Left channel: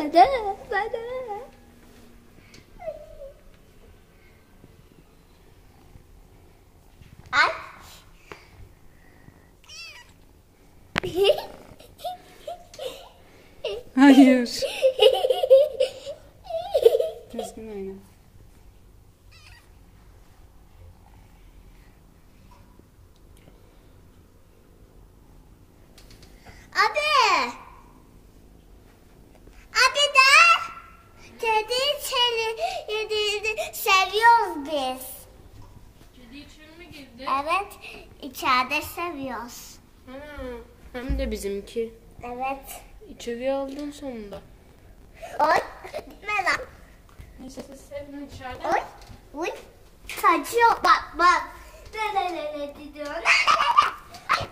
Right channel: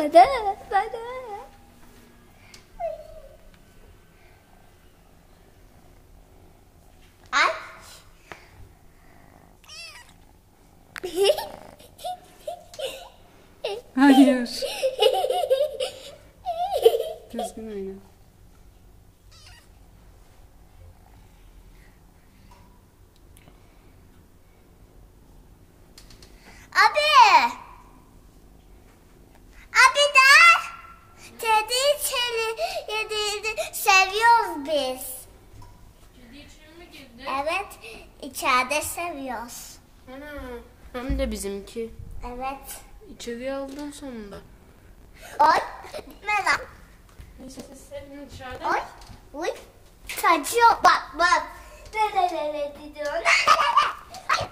Bana. Ay. Hayır. Düzgün oyna. Abi. Abi de. Kediyi seviyoruz biz. Kedi içeri mi girdi? Evet. İçeride seviyoruz. Hem de bizimki. Evet. İçeriye aldın sonunda. Oy. Gitme lan. Neyse siz sevin dışarıda. Oy. Uy. Kaçıyor. Bak. Ne diyor. Ay.